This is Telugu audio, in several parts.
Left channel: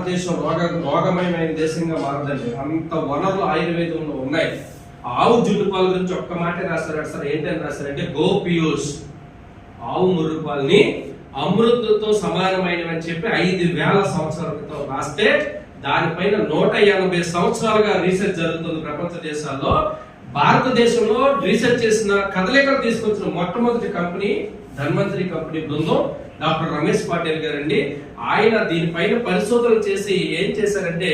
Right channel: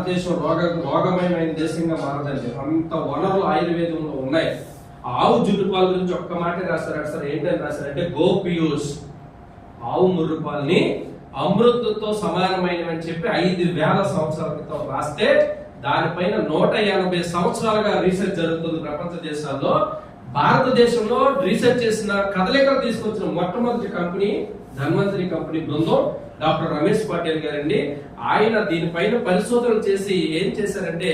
భారతదేశం రోగ రోగమయమైన దేశంగా మారదండి. అంత వనరులు ఆయుర్వేదంలో ఉన్నాయి. ఆవు జుట్టుపాల గురించి ఒక్క మాట రాస్తారు సార్. ఏంటని రాస్తారంటే గోపియూస్ ఆవు ముర్రుపాల్ని అమృతతో సమానమైనవని చెప్పి ఐదు వేల సంవత్సరాల క్రితం రాస్తే దానిపైన నూట ఎనభై సంవత్సరాలుగా రీసెర్చ్ జరుగుతుంది ప్రపంచ దేశాల్లో. భారతదేశంలో రీసెర్చ్ చేసిన కదలికలు తీసుకొచ్చిన మొట్టమొదటి కంపెనీ ధన్వంతరి కంపెనీ బృందం. డాక్టర్ రమేష్ పాటిల్ గారండి. ఆయన దీనిపైన పరిశోధన చేసి ఏం చేశారంటే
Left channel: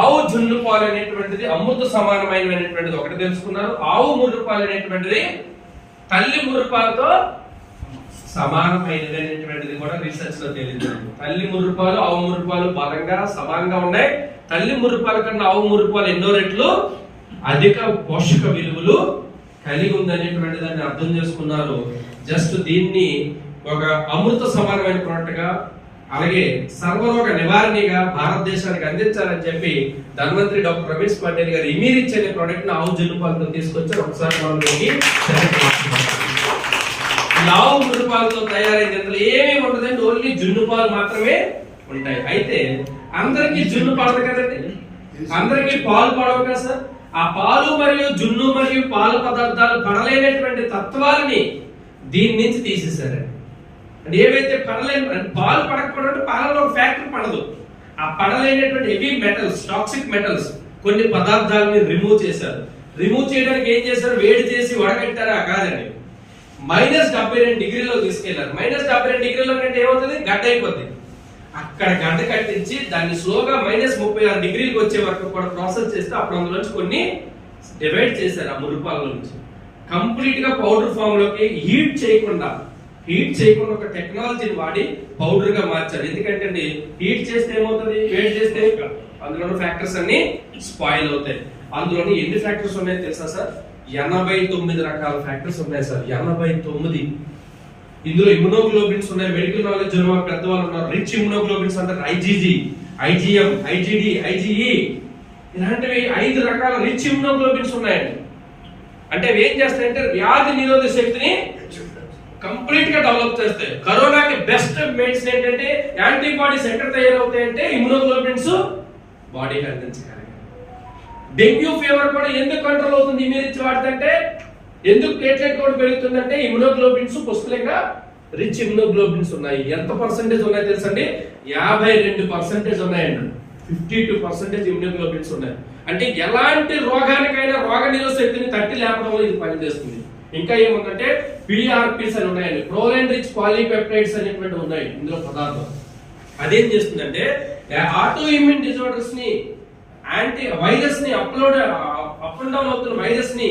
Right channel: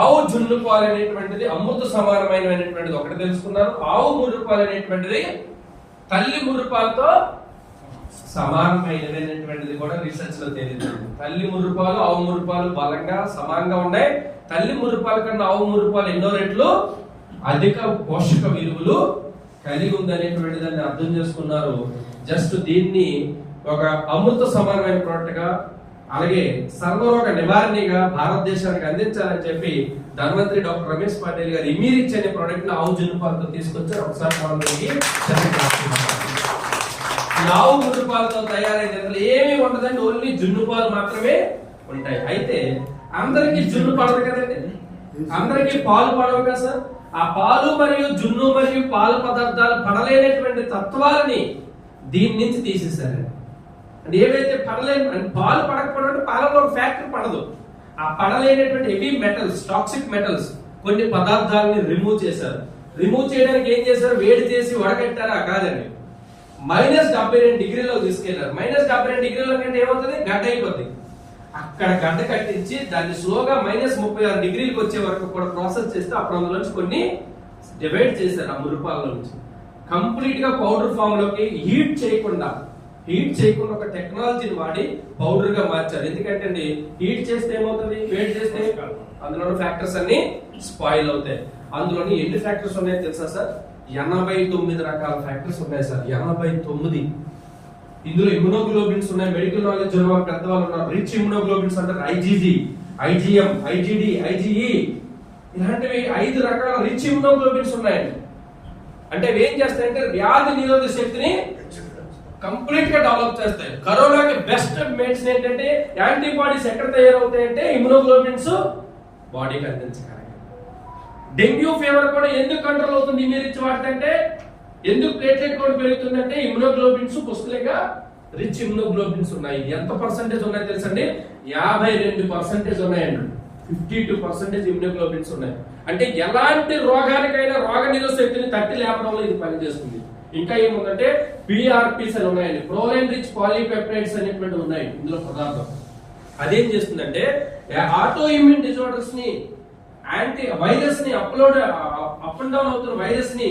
ఆవు జున్ను పాలు అనేటువంటిది అమృత సమానమైనటువంటిది ఒకటి తెలుసుకున్నారు. ఆవు ముర్రుపాలు అనేటువంటిది తల్లి ముర్రుపాలతో సమానమైనటువంటిది సమానమైనది అనేటువంటిది కూడా రీసెర్చ్లో తేలింది తల్లి ముర్రుపాలు ఆవు ముర్రుపాలు బలంగా సమానంగా ఉన్నాయి. తల్లి ముర్రుపాల కన్నా ఆవు ముర్రుపాలు ఎన్నో రెట్లు? అధిక పోషక విలువలు కలిగి ఉంది దాన్ని అర్థం చేసుకున్నారు. జస్ట్ దీన్ని ఒక అమృత సమానమైన ప్రోడక్ట్గా అలాగే సర్వరోగ నివారణగా భారతదేశానికి అందించాలని చెప్పి ధన్వంతరి డాక్టర్ రమేష్ పటేల్ గారు ఇమీరిచ్ అనే ప్రోడక్ట్ని ఆవు జున్నుపాలతో తీసుకొచ్చి తీసుకొచ్చారు. ఒకసారి మనం దీనికి లావు ముద్దు తయారైన ఏమీ ఉండదండి ఓన్లీ జున్ను పాలు మాత్రమే ఉంటాయి. అయితే అందరికీ జున్ను పడదు కదండి. అందరికీ పాలు పడవు కదా సార్? ఆ పాలు మరియు జున్ను మరియు పాలు పదార్థాలు పడలేనటువంటి తత్వాలని దీని నుంచి తీసేశారండి. అంటే ఏవైతే పడలేని అంటే పాలు పడకపోవడం అంటే పాలలో ఒక ఫ్యాక్టరీ పడదు. ఆ పడలేనటువంటి హెవీ మెటల్స్ టాక్సిక్ మెటల్స్ కొన్ని పదార్థాలని రిమూవ్ చేశారు. రిమూవ్ చేయడానికి ఏం చేశారు? వేడి చేసి వడగట్టారా? కాదండి. మైనస్ డెబ్బై రెండు డిగ్రీలో తీసుకెళ్ళారు. మైనస్ డెబ్బై రెండు డిగ్రీలో కంటే ఏమవుతుంది? గడ్డ అయిపోద్ది. అక్కడ గడ్డ కట్టించి దాన్ని స్లోగా మైనస్ ముప్పై ఆరు డిగ్రీలకు వచ్చే వరకు కూడా ప్రాసెస్ చేస్తే అప్పుడు అందులోంచి కొన్ని డివైడ్ చేశారు ఆ మురుపాల నుంచి. కంప్లీట్గా పౌడర్ ఫామ్లోకి హీట్ చేయకుండా హీట్ చేయకుండా ఒక టెక్నాలజీని వాడి పౌడర్గా మార్చారు ఎందుకంటే అండి హీట్ చేస్తే ఏమవుతుంది? వేడి చేస్తే? అందులో ఫ్యాక్టర్స్ అన్ని స్పాయిల్ అవుతాయి. అందులోని ఎన్ని ఫ్యాక్టర్స్ ఉన్నాయో తెలుసా సార్? ఎనభై తొమ్మిది రకాల ఫ్యాక్టర్స్ ఉన్నాయి సార్. ఎనభై తొమ్మిది. ఇందులో ఇమ్యునోగ్లోబిన్స్ ఉన్నాయి. మెడికల్ నాలెడ్జ్ ఉన్న వాళ్ళు పెద్దవాళ్ళు ఉన్నారు. రిచ్ ఇమ్యునోగ్లోబిన్స్ అంటారు ఐజీజీ ఐజీఎం ఐజీడి ఐజీఈ ఇలాంటివి ఐదు రకాల రిచ్ ఇమ్యునోగ్లోబిన్స్ ఉన్నాయండి. అంటే ఏం చేస్తాయంటే వ్యాధి నిరోధక శక్తిని కంప్లీట్గా డెవలప్ చేస్తే కరోనాకి బెస్ట్ మెడిసిన్ ఏంటంటే యాంటీబాడీస్ ఎక్కడ తయారవుతాయంటే ఇమ్యూనోగ్లోబిన్స్ బాడీకి అందించగలిగాయి డెంగ్యూ ఫీవర్ కూడా ఎందుకు కంట్రోల్ అవుతుంది ఇమ్యూనిటీ వాడుతుంటే ఎందుకు ప్లేట్లెట్ కూడా పెరుగుతుందంటే ఇమ్యూనోగ్లోబిన్స్ పుష్కలంగా రిచ్ ఇమ్యూనోగ్లోబిన్స్ ఉన్నాయి. ఎంత పర్సెంటేజ్ ఉన్నాయో తెలుసండి? యాభై రెండు పర్సెంటేజ్ ఉన్నాయండి. ఫిఫ్టీ టూ పర్సెంటేజ్ ఇమ్యూనోగ్లోబిన్స్ ఉన్నాయి. అంటే ఎలాంటి రోగానికైనా రోగ నిరోధ శక్తిని తట్టి లేపడంలో ఇది పనిచేస్తుంది. ఇంకా ఏముందంటే పిఆర్పిస్ అని ఉన్నాయండి. ప్రోలైన్ రిచ్ పాలీపెప్టైడ్స్ అనేటువంటి ఉన్నాయి ఇందులో పదార్థం. అదేం చేస్తుందంటే ఆటో ఇమ్యూన్ డిజార్డర్స్ని యాంటీ వైరస్ని అప్లోడ్ అప్ అండ్ డౌన్ అవుతున్న వైరస్ని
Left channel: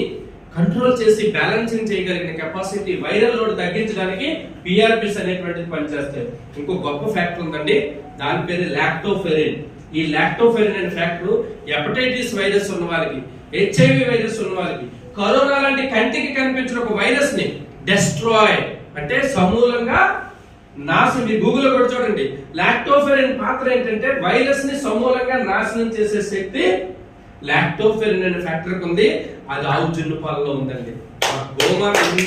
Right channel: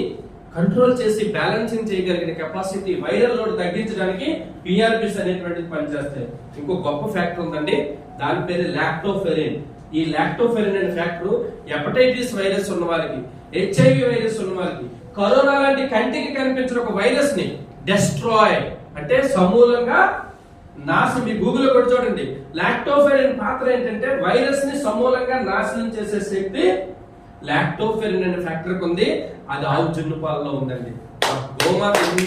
కంట్రోల్ చేసి బ్యాలెన్సింగ్ చేయగలిగిన కెపాసిటీ వైరల్ లోడ్ తగ్గించడానికి పిఆర్పిస్ అనేటువంటిది పనిచేస్తాయి. ఇంకో గొప్ప ఫ్యాక్టర్ ఉందండి దాని పేరు లాక్టోఫెరిన్ ఈ లాక్టోఫెరిన్ అనే ఫ్యాక్టర్ హెపటైటిస్ వైరస్ ఉన్న వాళ్ళకి హెచ్ఐవి వైరస్ ఉన్న వాళ్ళకి కరోనా లాంటి కంటికి కనిపించిన ఒక వైరస్ని డెస్ట్రాయ్ అంటే సమూలంగా నాశనం మీ గూగుల్ కూడా చూడండి. లాక్టోఫెరిన్ పాత్ర ఏంటంటే వైరస్ని సమూలంగా నాశనం చేసే శక్తి లాక్టోఫెరిన్ అనే ఫ్యాక్టర్ ఉంది. అది ఆవు జున్ను పాలలో ఉందండి. గోమాత ఎన్ని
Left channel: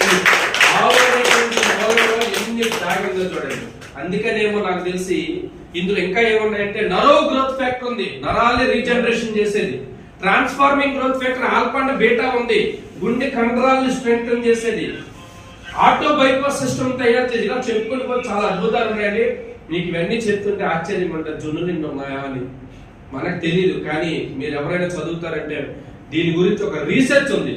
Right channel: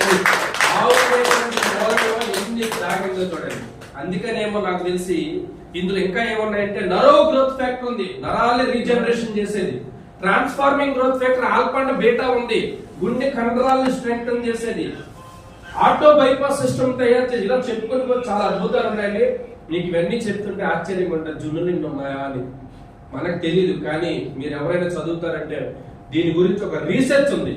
చూడండి. అందుకనేమో నాకు తెలిసి ఇందులో ఇంకా ఏమున్నాయంటే నరో గ్రోత్ ఫ్యాక్టర్ ఉంది. నరాల్ని రీజనరేషన్ చేసేది. Transforming growth factor alpha and beta ఉంది. గుండె కండరాలను స్ట్రెంగ్తన్ చేసేది. ఆటో బైపాస్ సిస్టమ్ తయారు చేసి ఇలా చెప్పుకొని పోతే చాలా అద్భుతాలు ఉన్నాయండి. మీకు ఇవన్నీ చెప్తుంటే ఆశ్చర్యం ఉంటుంది జున్నులు నిండు ఉన్నాయా అని. మనకు తెలియదు కానీ మీరు ఎవరైనా చదువుతారంటే దీని గురించి ఒక రీసెర్చ్ ఉంది.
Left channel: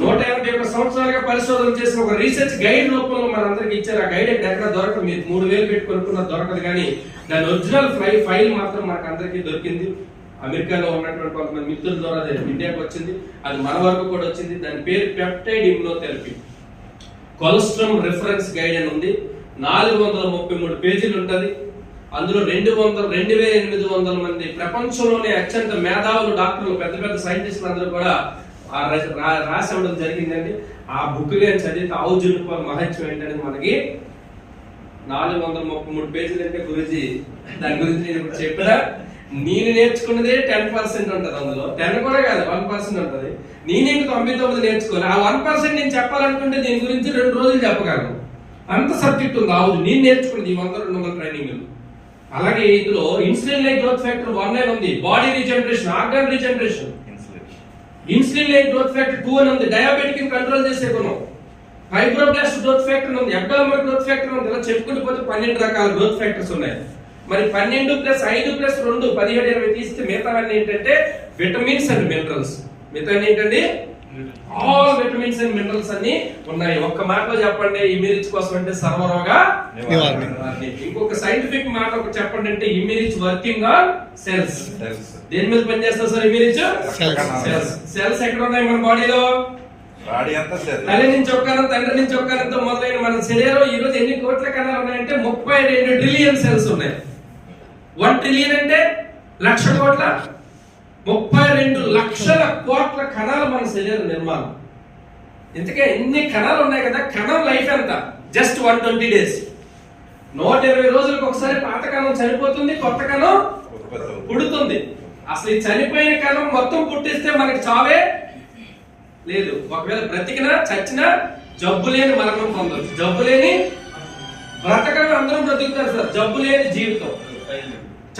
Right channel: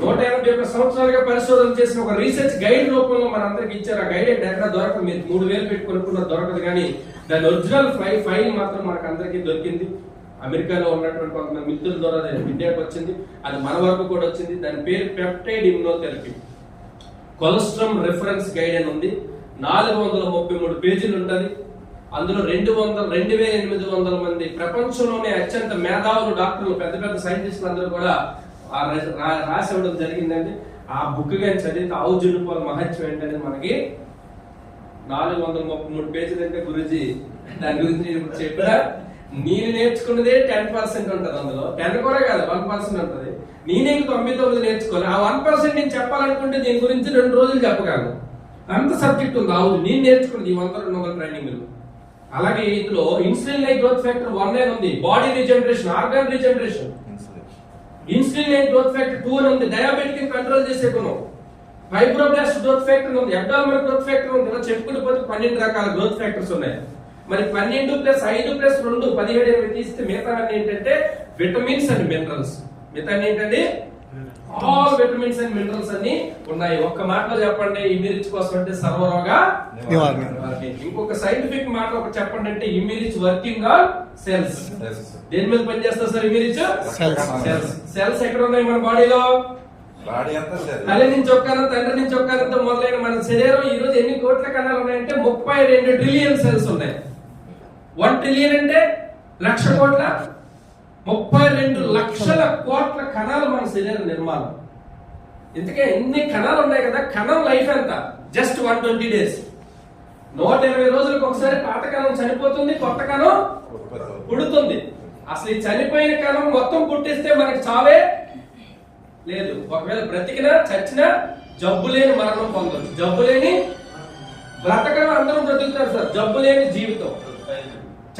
నూట ఎనభై ఒక్క సంవత్సరాలుగా పరిశోధన చేసిన ఒక రీసెర్చ్ గైడ్ రూపంలో మనందరికి ఇచ్చారు. ఆ గైడ్ ఎక్కడ దొరకదు. మీరు మూడు వేలు పెట్టి కొనుక్కున్న దొరకదు కానీ దాని ఒరిజినల్ ఫైల్ ఫైల్ మాత్రం మనకు అందరికీ దొరికింది. అమెరికాలో ఉన్నటువంటి కొంతమంది మిత్రుల ద్వారా ఇండియాకి వచ్చింది. అది మన వరకు కూడా వచ్చింది. దాని పేరు peptide immunotherapy colostrum reference guide అని ఉంది. నాలుగు వందల ముప్పై మూడు పేజీలు ఉంటుంది. అందులో రెండు వందల రెండు వేల ఎనిమిది వందల మంది ప్రపంచంలోనే అత్యంత మేధావులు డాక్టర్లు పెద్ద పెద్ద సైంటిస్టులు అందరూ కూడా ఆ రాసి ఇవ్వడం జరిగిందండి. ఆ బుక్ కానీ చదివితే ఆవు జునుపాల మహత్యం ఏంటనేది మనకి నాలుగు వందల ముప్పై మూడు పేజీలు అంటే గురుజీ దాని గురించి నేను చెప్పినా. నేను నేర్చుకున్నదే టెన్ పర్సెంట్ ఉంటుంది అందులో. టెన్ కూడా కాదు వన్ పర్సెంట్ ఉంటుంది. నేనే ఇంక తొంభై తొమ్మిది నేర్చుకోవాలి ఆ వన్ పర్సెంట్ నేను చెప్పాలనుకుంటే దీని గురించి రెండు రోజులు చెప్పగలను. అంత సబ్జెక్ట్ ఉంది. అవును నేను నేర్చుకున్నది ఈ వంద రెండు వందల ట్రైనింగ్ అలాగే ఇందులో insulin like growth factor one అని ఉంది. Body regeneration organ regeneration insulin like growth factor two అని ఉంది. డయాబెటిక్ కంట్రోల్ చేసే గుణం. ఫైబ్రోబ్లాస్ట్ గ్రోత్ ఫ్యాక్టర్ ఉంది. అబ్డామినల్ గ్రోత్ ఫ్యాక్టర్ ఉంది. ఇలా చెప్పుకుంటూ పోతే పన్నెండు రకాల గ్రోత్ ఫ్యాక్టర్స్ ఉన్నాయి. మరి పన్నెండు ప్లస్ ఐదు ప్లస్ రెండు పదిహేడు ఇరవై తీస్తే మిగతా ఏంటంటే విటమిన్స్ అండ్ మినరల్స్. మిగతా ఏంటండి? ఆల్ విటమిన్స్ అండ్ మినరల్స్ అన్ని ఉన్నాయి. ఒక్క మాటలో చెప్పండి ఇమిరిచ్ కోసం అంటే సర్వరోగ నివారణ. ఇంకొక సైంటిఫిక్ మాట ఒక చెప్పండి అంటే ఇమిరిచ్ వర్కింగ్ ఆన్ సెల్స్ దేని మీద పనిచేస్తారు సార్ ఇమిరిచ్. సెల్స్ సెల్స్ ఎక్కడ ఉన్నాయి మన బాడీలో? బాడీ అంతా లేదు. తల్లి నుంచి ఒక్కను తండ్రి నుంచి ఒక్కనంతో మొదలైన మన శరీరం ఈ రోజు ఎన్ని కోట్ల కణాలు ఉన్నాయంటే ముప్పై రెండు ట్రిలియన్ సెల్స్ ఉన్నాయి. వన్ ట్రిలియన్ అంటే లక్ష కోట్ల? ముప్పై రెండు లక్షల కోట్ల కణాలు మన శరీర నిర్మాణం. ఇంతకే ఎన్ని కణాలు ఉన్నాయి కదా? కణం లైఫ్ ఎంత? Just one twenty days. నూట ఇరవై రోజులకు ఒకసారి పాత కణం చనిపోతుంది కొత్త కణం పుడుతుంది. అసలు ఈ చనిపోయిన కణం మొత్తం పుట్టిస్తే మనకి చావే లేదు. ఒకవేళ బ్రతికినా చచ్చినా జబ్బు లేని మరణం పొందవచ్చు జబ్బు లేని బ్రతకడం అందరం బ్రతుకుతారు సార్. జబ్బు లేని జీవితం.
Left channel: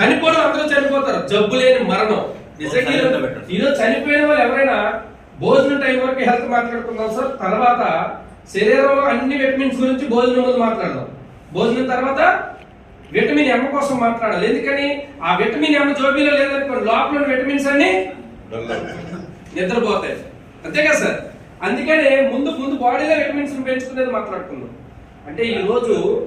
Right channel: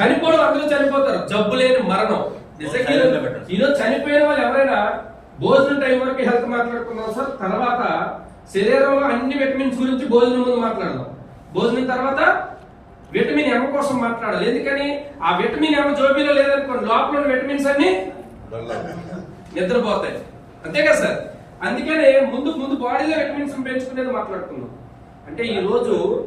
చనిపోవడం అందరూ చనిపోతారు. జబ్బు లేని మరణం. నిజంగా ఈరోజు- చనిపోయిన వాళ్ళు ఎవరైనా భోజనం టైం వరకు హెల్త్ మాట్లాడుకుందాం సార్. తర్వాత శరీరంలో అన్ని విటమిన్స్ గురించి భోజనం ముందు మాట్లాడదాం. భోజనం తర్వాత విటమిన్ ఎమ్ కోసం మాట్లాడాలి. ఎందుకని? ఆ విటమిన్ ఎమ్ జోబీలో లేదనుకోండి లోపల విటమిన్స్ అన్ని. నిద్రపోతాయి. అంతే కదా సార్? అందుకనే ముందు ముందు బాడీలో విటమిన్స్ పెంచుకునేది మాట్లాడుకుందాం. అంటే ఈ రోజు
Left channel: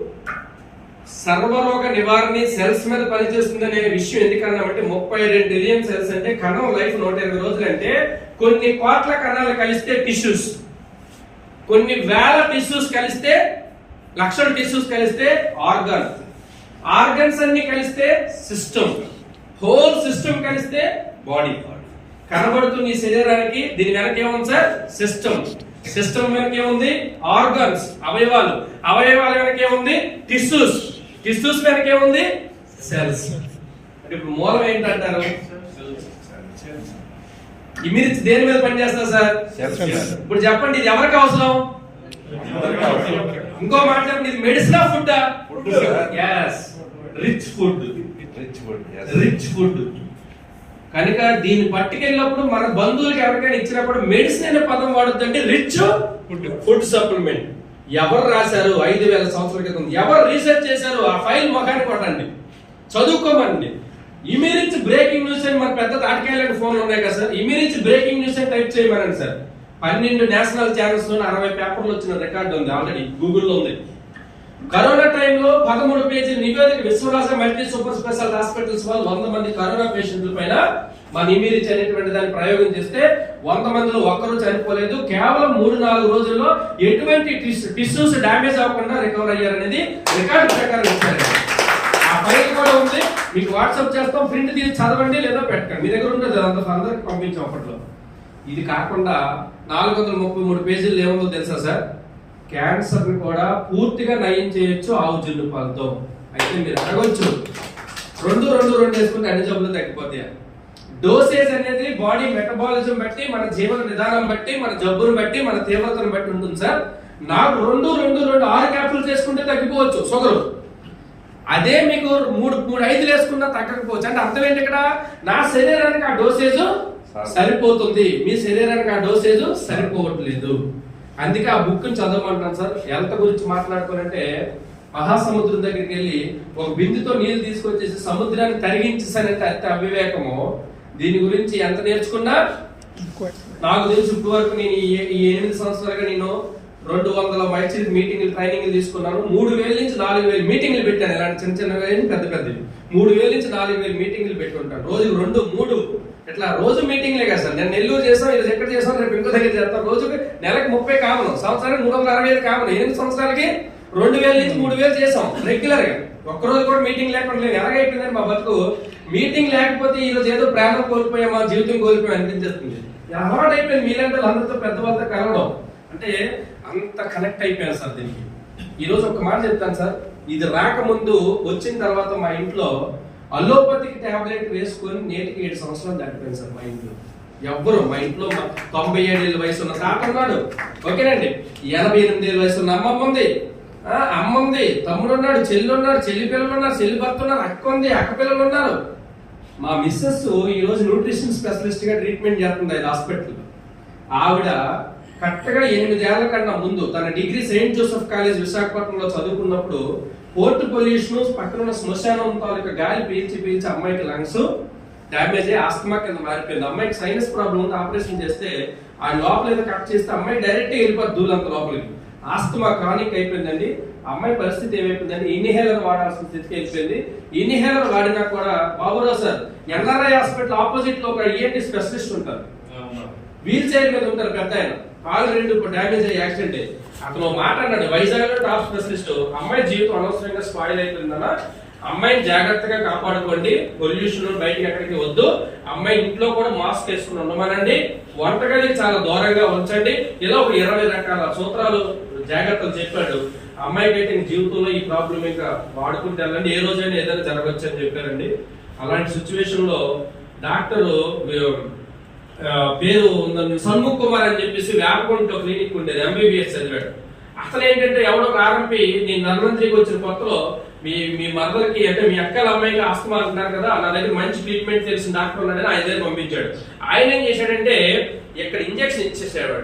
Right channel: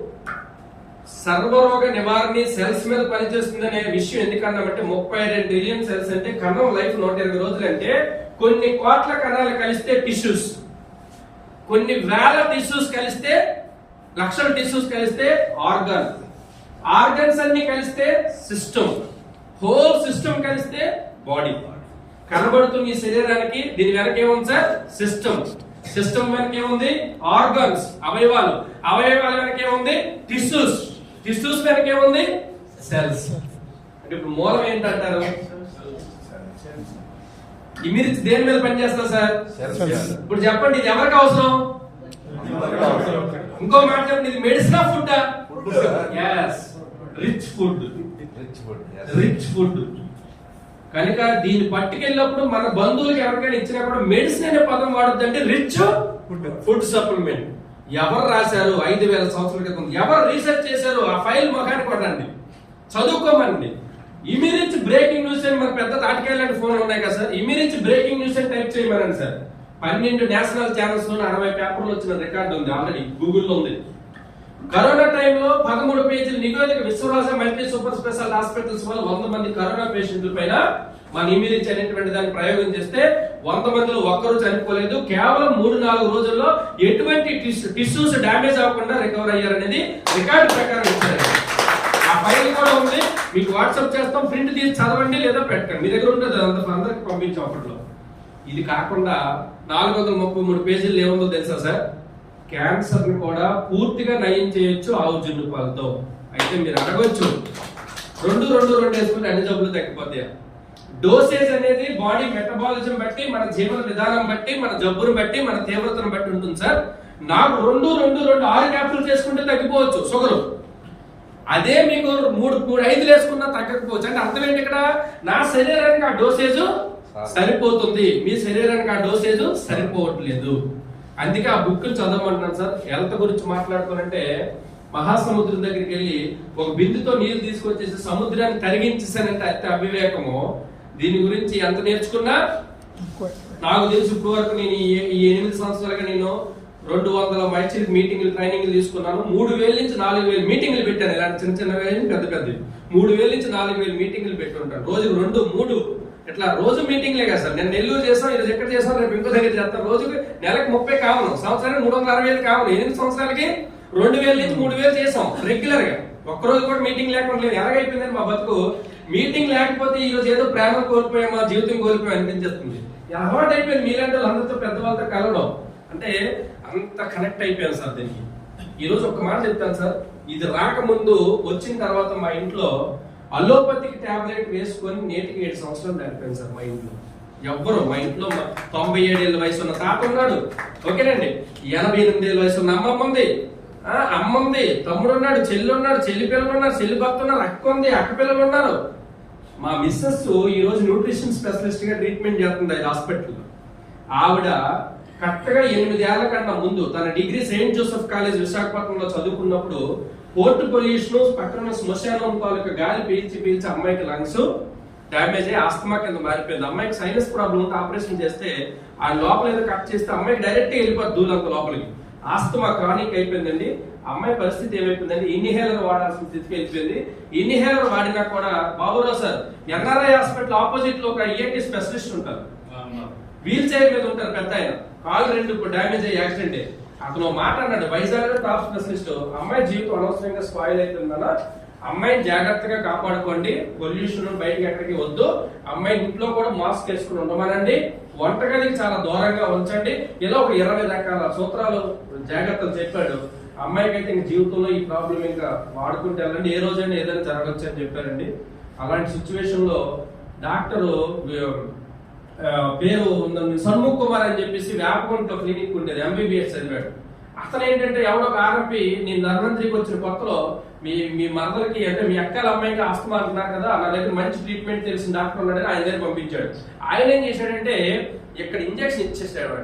సర్వరోగ నివారణ సెల్స్ మీద పనిచేస్తుందనే విషయం ఎందుకన్నామంటే ముప్పై రెండు మిలియన్ సెల్స్ అంటే కణం లైఫ్ నూట ఇరవై రోజులు అంటే కొన్ని కోట్ల కణాలు కలిస్తే టిష్యూస్. కొన్ని వేల టిష్యూస్ కలిస్తే లక్షల టిష్యూస్ కలిస్తే ఆర్గన్. ఆర్గన్స్ అన్ని కలిస్తే సిస్టమ్. హోల్ సిస్టమ్ కలిస్తే బాడీ కనబడుతున్న ఈ శరీరానికి దీని వెనక ఏముంది సార్? సిస్టమ్. సిస్టమ్ వెనక ఏముంది? ఆర్గన్స్ అవయవాలు. అవయవాల వెనక ఏముంది? టిష్యూస్. టిష్యూస్ వెనక ఏముంది సెల్స్. అంటే ఇప్పుడు మూలం ఏంటంటారు? ఇమిరిచి దేని మీద పనిచేస్తా సార్. ఇప్పుడు చెప్పండి ఇది ఎవరికి అవసరం? ఇంకో మాట చెప్పండి ఇది medicine food. Rich food rich food. Rich food కనుక దీన్ని పట్టుకెళ్ళినప్పుడు మన బంధువులకి ఎవరికైనా ఇచ్చినప్పుడు మెడిసిన్ అనే పదం వాడొద్దంటే రిచ్ ఫుడ్ సప్లిమెంట్ ఎవరు రాశారు? ఐదు వేల సంవత్సరాల క్రితం. ఎవరు రీసెర్చ్ చేశారు? ఆ ఫైల్ మొఖాన్ని కొట్టండి. చదువుకోమండి ఇమీరియన్స్ బ్రేకింగ్ న్యూస్ అని మన పెద్ద తాటికెళ్ళని ఫోన్లు ఉన్నాయి కదా సార్. ఇమీరియన్స్ బ్రేకింగ్ న్యూస్ అని టైప్ చేయమనండి సార్. పన్నెండు నేషనల్ ఛానల్స్లో అరవై పేపర్లు వచ్చిన రికార్డు ఉంది ఆల్రెడీ గూగుల్లో ఉంది. కరోనా టైంలో పదమూడు పేజీల నివేదిక Vishwaraja multi super special hospitals వాళ్ళు వంద మంది కరోనా పేషెంట్ల పైన మా మీద చెల్లినటువంటి దాన్ని ప్రయోగం చేస్తే వంద మందిలో ఒక్కరూ చనిపోలేదు. కేవలం మూడు నాలుగు రోజుల్లో ఎటువంటి టిష్యూస్ డ్యామేజ్ అవ్వకుండా రికవర్ అయ్యారనేది రికార్డు ప్రకారం ఇచ్చారు. ఆ ఫైల్ కూడా ఉంది. మీకు వాట్సాప్ చేస్తాం. ప్రింట్ తీసి చదవండి లేదా పెట్టండి మీ దగ్గర ఉంటుంది. అంత అందరికి పంపించాం అప్పట్లో. ఇది కాకుండా నాలుగు వందల ముప్పై మూడు పేజీలు ఏముందో తెలుసా సార్? క్యాన్సర్ కూడా పూర్తిగా నయం చేయొచ్చు ఆవు జున్ను పాలతో. అయితే మీరు అడగొచ్చు. రెండు రెండు రెండు వేసుకుంటే అన్ని జబ్బులు తగ్గిపోతాయి? డోసేజ్ అనేది బాడీ మెటబాలిజం బట్టి మన జీవన విధానం బట్టి మన జబ్బును బట్టి మన తీవ్రతను బట్టి ఉంటుంది సార్ నాకు రెండు రెండు రెండు ఆరు క్యాప్సూల్స్ చేసుకుంటే తగ్గిపోవచ్చు షుగరు అదే మీకు మూడు మూడు ఐదు వేసుకున్నా తగ్గకపోవచ్చు. అంటే అర్థం ఏంటి ఇక్కడ? నా శరీరానికి ఆ డోసేజ్ సరిపోతుంది. మీ శరీరానికి ఆ డోసేజ్ సరిపోవట్లేదు. అందుకే ఆ బుక్ చదవమంటున్నాను సార్ హెల్త్ గురించి మాట్లాడుకోవాలంటే మహాసముద్రం దగ్గరికి వెళ్ళి ఒక బిందుతో నీళ్ళు తీసుకొచ్చేసి సముద్రాన్ని తరిగించేసానంటే అత్య అవివేకము. దీని గురించి ఎంత నేర్చుకున్నా? నాకు తెలుసు ఇప్పుడు వరకు నేను ఈ- ఎనిమిది సంవత్సరాలుగా నేను రెండు వందల మైచిల్ మీటింగ్లు ట్రైనింగ్లు తీసుకున్నాను. మూడు వేల నుంచి నాలుగు వేలు మీటింగ్లు పెట్టాను. ఇలాంటి చిన్న చిన్న వేలు పెద్ద పెద్దవి. మూడు వేల నుంచి నాలుగు వేలు మీటింగ్లు పెట్టి ఉంటాను. రోజు రెండు మూడు. ఇట్లా రోజు మీటింగ్లే కదా సార్. నేను నెల్లూరు చేస్తాను ఇది ఎక్కడ చేస్తాను రేపు ఇంకో దగ్గర చేస్తాను. రోజుకి నెలకు ముప్పై కావను సంవత్సరానికి మూడు వందల అరవై ఐదు కావను ఎనిమిది సంవత్సరాలకి రెండు వేల నుంచి మూడు వేలు చేసాం రెగ్యులర్గా. ఒక్క రోజు కూడా మీటింగ్ లేకుండా ఎలాగైపోయిందని మా బతుకు? మీటింగ్ లేకపోతే ఈ రోజు ఏదో ప్రాణం కోల్పోయామా జీవితం కోల్పోయాం అనిపించేస్తుంది. అలవాటు అయిపోయింది. మీలాంటి అందరితో పెద్దవాళ్ళతో కలవడం. అంటే అంత కనెక్ట్ అయిపోయాను సార్ దీనికి. ఈరోజు ఒక మాట చెప్తాను సార్. ఇది రాకముందు వచ్చిన తర్వాత మా ఇంట్లో అలోపతికి టాబ్లెట్ వేసుకొని నేటికి ఏడు సంవత్సరాలు దాటిపోయింది సార్ మా ఇంట్లో. ఎవ్వరు మా ఇంట్లో తొంభై ఏడేళ్ళ వయసు ఉన్న తాత ఉన్నాడు. ఓకేనండి. ఎనభై ఎనిమిది ఏళ్ళ వయసు ఉన్న అమ్మమ్మ ఉంది. అమ్మ ఉంది. తమ్ముడు ఉన్నాడు. చెల్లి ఉన్నాడు చెల్లి పిల్లలు ఉన్నారు. చెల్లి భర్త ఉన్నారు. అక్క ఉంది. అక్క పిల్లలు ఉన్నారు. మా మిస్సెస్ ఈ రోజు న్యూట్రిషన్ స్పెషలిస్ట్గా ట్రీట్మెంట్ చేస్తుంది ఆయన హాస్పిటల్ ఆవిడ కరెక్ట్గా ఎనిమిదేళ్ళ కన్నా ముందు తన డిగ్రీ సెయింట్ జోసెఫ్ కాలేజ్ విశాఖపట్నంలో చదువుకున్నప్పుడు పోర్ట్ పొల్యూషన్ పక్కన శ్మశానం తాలూకా గాలి పీల్చి పీల్చి అమ్మాయికి లంగ్స్ డ్యామేజ్ అయ్యి ఆస్తమా కింద మారిపోయింది. అమ్మాయికి సైనస్ ప్రాబ్లం ఉంది ఆపరేషన్ చేస్తే ఆ లోపల ఏదో కట్ చేస్తే అమ్మాయి డైరెక్ట్గా వెళ్ళిపోద్ది దూలంత లోపలికి. ఆస్తమా క్రానిక్ అయిపోయిందండి. అమ్మాయి పరిస్థితి ఏమైపోయిందండి ఇన్హేలర్ వాడాల్సిన స్థితికి వెళ్ళిపోయింది. ఇన్హేలర్ వాడినా కూడా బాబురావు సార్ ఎన్ఆర్ఐ హాస్పిటల్ ఆపోజిట్లో ఒక ఏంటి స్పెషలిస్ట్ ఉంటారు. వీల్ చైర్ మీద ఉంటారు పెద్ద ఆయన. కాలు రెండు డ్యామేజ్ అయ్యి యాక్సిడెంట్ అయ్యి అతను మాట్లాడాడు వైజాగ్లో టాప్ స్పెషలిస్ట్. అమ్మాయి జీవితం అనవసరంగా స్పాయిల్ అయిపోయిందన్న. అమ్మాయిని జాగ్రత్తగా కాపాడుకోండి. పొల్యూషన్ బయటికి ఎక్కడికి వద్దు. అమ్మాయి ఇంట్లో కూడా మాస్క్ వేసుకుని ఉండమనండి. వంటగదికి చాలా దూరంగా ఉంచండి. ఇలా ఒక ఇరవై రకాల సూత్రాలు జాగ్రత్తలు చెప్పాడు. అమ్మాయికి అయితే జీవితంలో ఈ ప్రాబ్లం ఇంకా వాడుకుంటే వెళ్ళండి. ఏ రోజైనా ఏదైనా జరగచ్చు అని చెప్పారండి. అలాంటి సిచ్యువేషన్లో డాక్టరు పేరు ఉందని సన్ముఖ్ కుమార్ అని చెప్పేసి వేపకుంట క్లినిక్ ఉండేది. ఎంబీబీఎస్ చదివాడు. అసలు ఏంటంటే ఎవడో ఒక నీ నేను నర్మంత్రికి వచ్చిన కొత్తలో మీ మీ మదర్కి అంటే మీ అక్కల అమ్మాయికి ఆస్తమా అంటున్నారు కదా నా దగ్గర మంచి ట్రీట్మెంట్ తెలిసిన డాక్టర్ ఉన్నాడని ఆయన దగ్గర పంపించాడు. ఆయన ఏం చేశాడంటే ఇక్కడ ఇంజక్షన్ ఇచ్చేసాడు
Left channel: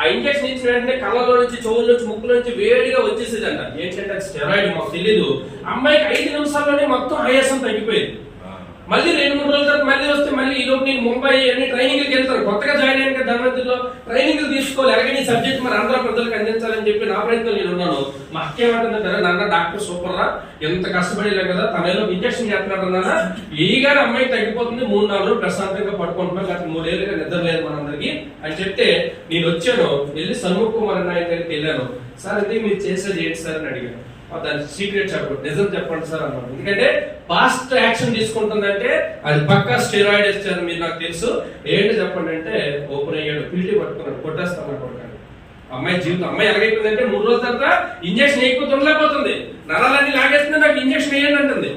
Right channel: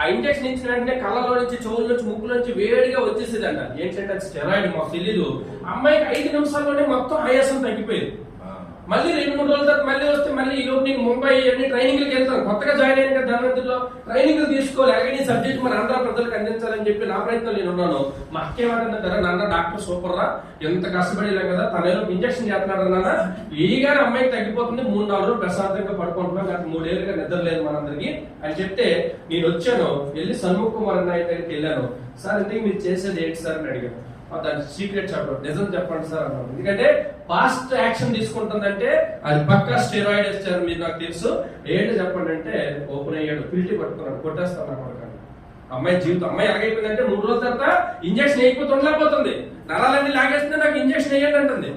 ఆ ఇంజక్షన్ ఇచ్చిన వెంటనే కళ్ళలో నుంచి చెవుల నుంచి ముక్కుల నుంచి వేడిగా వచ్చేసేది అంట ఏంటంటే స్టెరాయిడ్ మాకు తెలియదు అమ్మాయికి ఐదు నిమిషాల్లోనే మొత్తం ఆయాసం తగ్గిపోయింది. మళ్ళీ రెండు మూడు రోజుల తర్వాత మళ్ళీ వస్తే మళ్ళీ ఈ లోపు నేను ముంబై అన్ని ట్రైనింగ్కి వెళ్తాను. కొత్తగా జాయిన్ అయిన కదా ధనవంతుల్లో ట్రైనింగ్ తీసుకోవాలి. అలాగే ఈ సబ్జెక్ట్ మరి అందరూ ప్రజలకు అందించాలి. చెప్పి నా ప్రయత్నం నేను ఉన్నాను. మా అక్క ఏమంటుందంటే నాన్న డాక్టర్ సూపర్ రా. ఎంత కష్టపడేలా కదా తనేలో ఇంజక్షన్ చేస్తున్నారు నాన్న? ఈగానే అమ్మాయికి తగ్గిపోతుంది. మూడు నాలుగు రోజులు ప్రశాంతంగా పడుకుంటున్నాం. గత మూడేళ్ళుగా నిద్ర లేదు మనందరికీ. అని చెప్తే నేను వచ్చాను. వెళ్ళి సన్ముఖ్ కుమార్ అన్న దగ్గరికి వెళ్ళాను. సార్ అయితే మీరు చేసేది ఏంటి సార్? అని అడిగాను. దాని సీక్రెట్ చెప్పండి. నిజం చెప్పండి సార్ అన్నాడు. ఎందుకంటే ఫాస్ట్ యాక్షన్ తీసుకుంటుందంటే అది పక్కా స్టెరాయిడ్ ఇచ్చారు మీరు నాకు తెలుసు. ఏంటి చెప్పండి అంటే ఓపెన్ అయ్యాడు. పిల్లి పట్టుకున్నాడు. కొట్టేస్తాను అనుకుంటాను అమ్మాయి జీవితం అమ్మాయి ఎలాగైపోయిందంటే మూడు రోజుల తర్వాత ఇంజక్షన్ వేయకపోతే ఉండలేకపోతుంది నరాలన్నీ లాగేస్తుంది నాకు ఇంజక్షన్ వేయండి అంటుంది.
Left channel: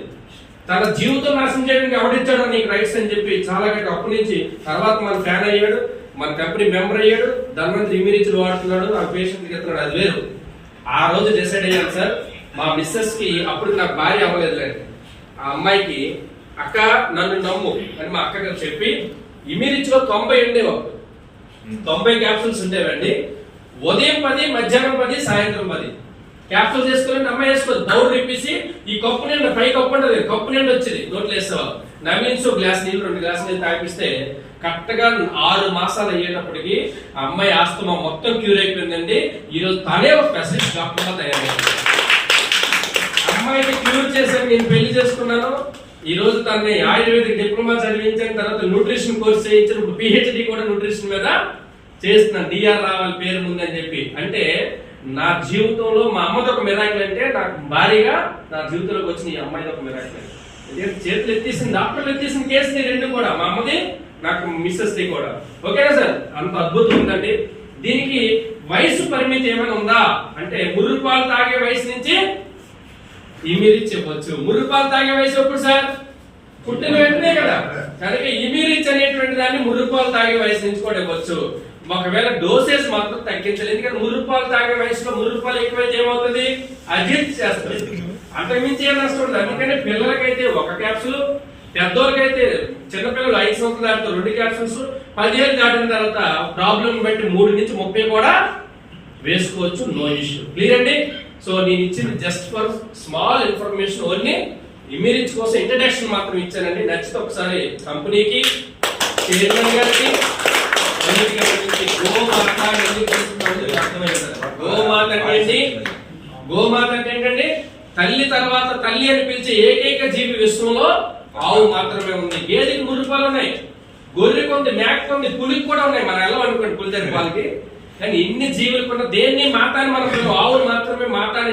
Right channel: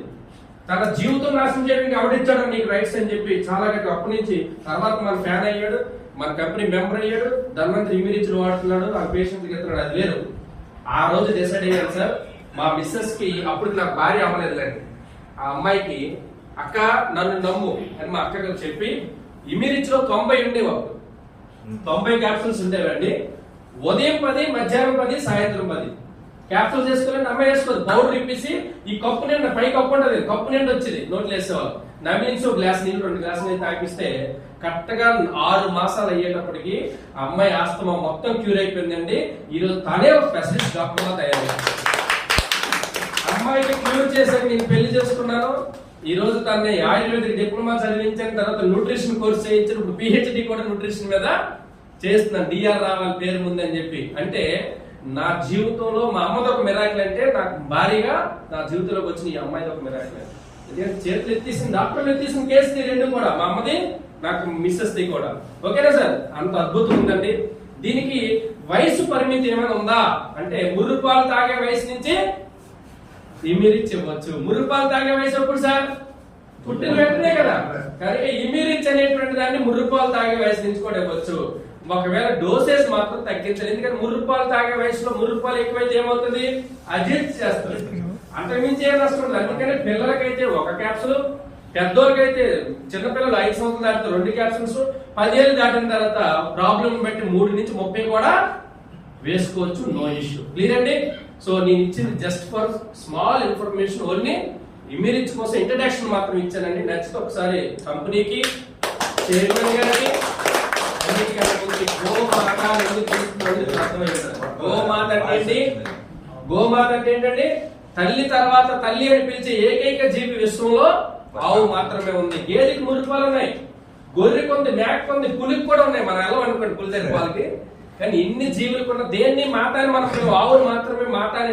తన జీవితం నాశనం చేయడానికి ఎవడిచ్చాడో నీకు రైట్స్ అని చెప్పి చాలా గట్టి అప్పటి నుంచి తర్వాత మన ఫ్యాన్ అయ్యాడు మన కంపెనీ మెంబర్ అయ్యాడు ధన్వంతరి ఇమిరిచ్చులు వాడుతున్నాడు ఆ పేషెంట్కి ఎత్తున్నాడు అది వేరు. ఆ రోజు డిసైడ్ అయ్యాను సార్ మా మిస్సెస్కి అప్పుడు నాకు భార్య అవ్వలేదులేండి. ఆ అమ్మాయికి అక్క నన్ను నమ్ము. అని మా అక్కకి చెప్పి ఇమిరిచ్లో తొంభై ఉండేవి? అప్పుడు తొంభై క్యాప్సూల్స్ ఉండేవండి. ఉదయం పది మధ్యాహ్నం పది సాయంత్రం పది. క్యాప్సూల్ చేసుకుని అమ్మాయి వేసుకోదు బౌల్ ఇప్పేసి ఈ కప్పు నిండా పై కప్పు ఉంటుంది కప్పు నిండా వచ్చేది నోట్లు వేసేవాళ్ళు. నవ్వించు గ్లాస్ నీళ్ళు రెండు గ్లాస్ నీళ్ళు తాగిపిస్తే కరెక్ట్గా ఆరు మాసాలు అయ్యేటప్పటికి అమ్మాయి ఆస్తమా మొత్తం క్యూర్ అయిపోయిందండి. ఈ రోజు తనే ఒక స్పెషలిస్ట్ డాక్టర్గా గా అమ్మాయికి క్యూర్ చేశాను నేను పెళ్ళి చేసుకున్నాను. ఈ రోజు తనని ఆయుర్వేదిక్ డిప్లొమా చదివించిన తర్వాత న్యూట్రిషన్ కోర్స్ చేయించిన. ఇప్పుడు పిహెచ్డి కూడా న్యూట్రిషన్ మీద చేసిన డిఆర్ రావాలి పేరు ముందని చెప్పి. అంటే నా జీవితంలో మా అమ్మది ఒక మిరాకిల్ అంటే నాకు భారీగా నా జీవితంలోకి వచ్చిన ఈ అమ్మాయిది ఒక మిరాకిల్ ఎందుకంటే చేతులు ఎత్తేసిన డాక్టర్లు ఎత్తేసిన కేసు రెండు కూడా. మా అమ్మది నాకు మిస్సెస్ ది కూడా. ఓకేనా సార్? అంత అద్భుతం ఉందండి. దీనికి వయసు పరిమితి ఏమైనా ఉందా? అంటే మురుగుపాలు తాగే వయసు నుంచి ఇమిరిచ్ ఇవ్వచ్చు. మురుగుపాలు తాగే వయసు ఎప్పుడు సార్? పుట్టిన వెంటనే కదా. కనుక ఇమిరిచ్ అనేటువంటి దాన్ని మురుగుపాలు తాగే వయసు నుంచి కూడా ఇవ్వచ్చు. ఒకవేళ డోసేజ్ మాత్రం తగ్గించాలి ఎందుకంటే మూడు రూపాయలు తాగే వయసులో మురుగు రూపాయలు ఎక్కువైతే ఏమవుతుంది అజిత్ చేస్తుంది. అంతకుమించి ఏం నష్టం అందుకని పిల్లలకైతే ఒక క్యాప్సూల్ పెద్దోళ్ళకైతే చిన్నపిల్లలు ఐదు సంవత్సరాలు దాటితే రెండు క్యాప్సుల్స్ పదిహేను దాటిన తర్వాత ప్రాబ్లం బట్టి మూడు నుంచి ముప్పై కూడా వేసుకోవచ్చు. No issue. క్లియర్ అండి? సో నేను ఇచ్చింది just for small information only. Image కోసం ఇంట్రడక్షన్ మాత్రం ఇచ్చానండి. నచ్చితే ఒకసారి కంపెనీకి చైర్మన్ గారికి గోమాత ఎందుకు అర్థమైంది గోమాత అంటే గోమాత అంటే ఏంటండి తల్లి తర్వాత తల్లి అని పిలిచే ఏకైక జీవి విశ్వంలో ఆవు మాత్రమే ఉంది. గేదెకి మురుపాలు ఉన్నాయి. గొర్రెకి ఉంది మేక ఉంది పులికి కూడా ఉన్నాయి. మనం ఎలా అనుకోండి పులి దగ్గర వాళ్ళకి. కానీ ఇన్ని జీవులు కూడా దేన్ని మాతాని మనం ఆవులు మాత్రమే మాతాని